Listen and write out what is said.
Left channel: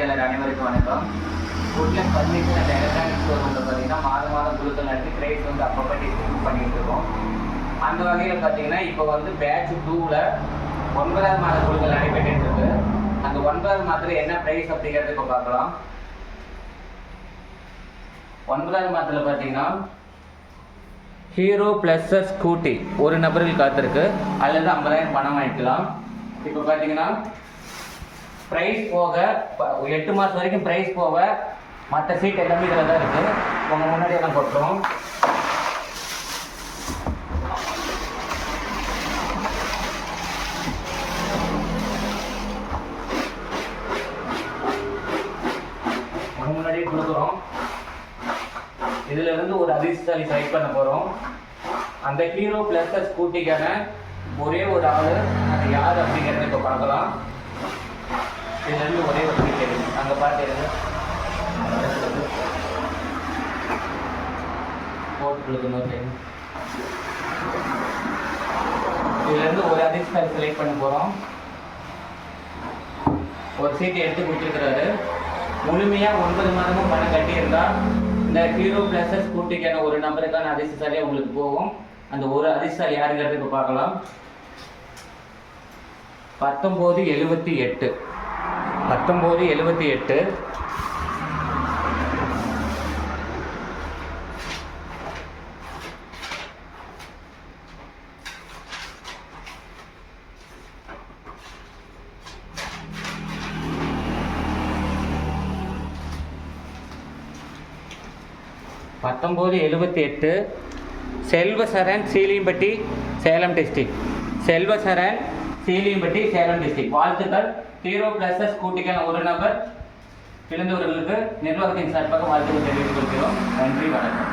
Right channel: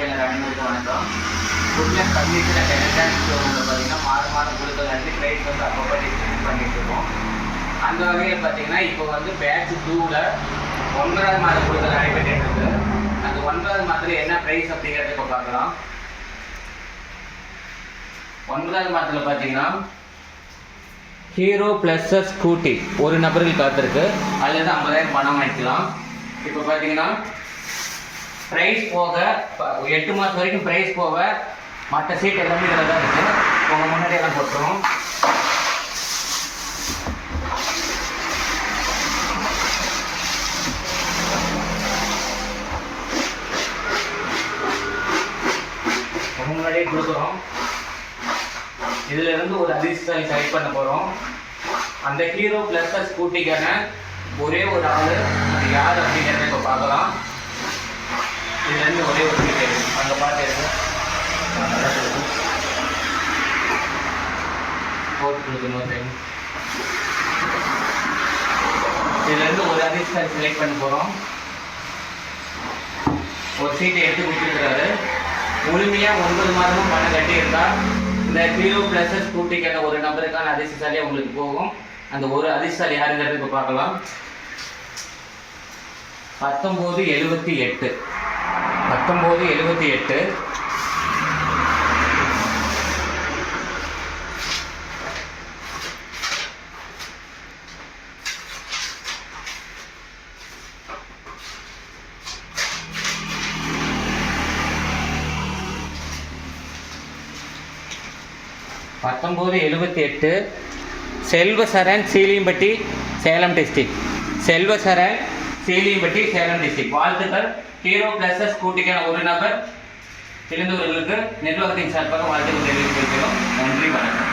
வாடிக்கையாளர் அனைவருக்கும் வணக்கம். குட்லஸ் பர்னிச்சர் அண்ட் எலக்ட்ரானிக்ஸ் ஷோரூமில் பார்த்தீங்கன்னா மாதம் குழுக்கள் நடத்தி ப்ரைஸ் வந்து அப்பப்போ டிஸ்கவுண்ட் பண்ணிட்டு இருக்கோம். அந்த வகையில் பார்த்தீங்கன்னா இப்போ வந்து பேட்ச் 2ல் 9வது மாத குழுக்கள் நடைபெற்று இருக்கு. அந்த 9வது மாதத்தில் என்ன ப்ரைஸ் அப்படிங்கிறத இப்போ பார்க்கலாம். 9வது மாதத்தில் பார்த்தீங்கன்னா ஹீரோ ப்ளஸ் ஸ்கூட்டி ஒரு நபருக்கு காத்திருக்கு. அதில் தான் 50,000 பணம் வாங்கிக்கலாம். இப்போ பார்த்தீங்கன்னா ப்ரைஸ் போக 8 மாதம் வரைக்கும் ப்ரைஸ் போக மற்ற சீட் எல்லாமே இதில் தான் இருக்குது. உங்கள் முன்னாடி எல்லாம் போட்டுருவோம். உங்கள் முன்னாடியே கொடுக்குறோம். இதிலிருந்து ஒரு அதிர்ஷ்டசாலி செலக்ட் பண்ண போகிறோம். அந்த ஹீரோ ப்ளஸ் ஸ்கூட்டிக்கான ஒரே ஒரு ஆள், அது யார் அப்படிங்கிறத இப்போ பார்க்கலாம். இதுலேருந்து ஒரே ஒரு சீட் எடுக்கும். அங்கே பார்த்து எடுங்க, போட்டு கொடுக்கணும் டைம். இதுலேருந்து ஒரு அதிர்ஷ்டசாலி செலக்ட் பண்ண போகிறோம். ஒரு சீட்டை எடுத்து கொடுத்துருக்குறாரு. முழுமையாக 9 மாதமும் பணம் கட்டியிருந்தா இந்த ஹீரோ ப்ளஸ் ஸ்கூட்டிக்கான ஒரு நம்பருக்கான அதிர்ஷ்டசாலியாக உங்களுக்கு போகும். அந்த ஒரு அதிர்ஷ்டசாலி யாருங்கிறது இப்போ பார்க்கலாம். 1978 1978 செல்வசரண் சீலியம்பட்டி சேலம் டிஸ்ட்ரிக்ட். செல்வசரண் சீலியம்பட்டி சேலம் டிஸ்ட்ரிக்ட். வாழ்த்துக்கள். ஹீரோ ப்ளஸ் ஸ்கூட்டிக்கான ஒரு நபர் தெரிந்தவர்களுக்கு நிர்வாகத்தின் சார்பாக வாழ்த்துக்கள் தெரிவித்துக் கொள்கிறோம். நன்றி, வணக்கம்.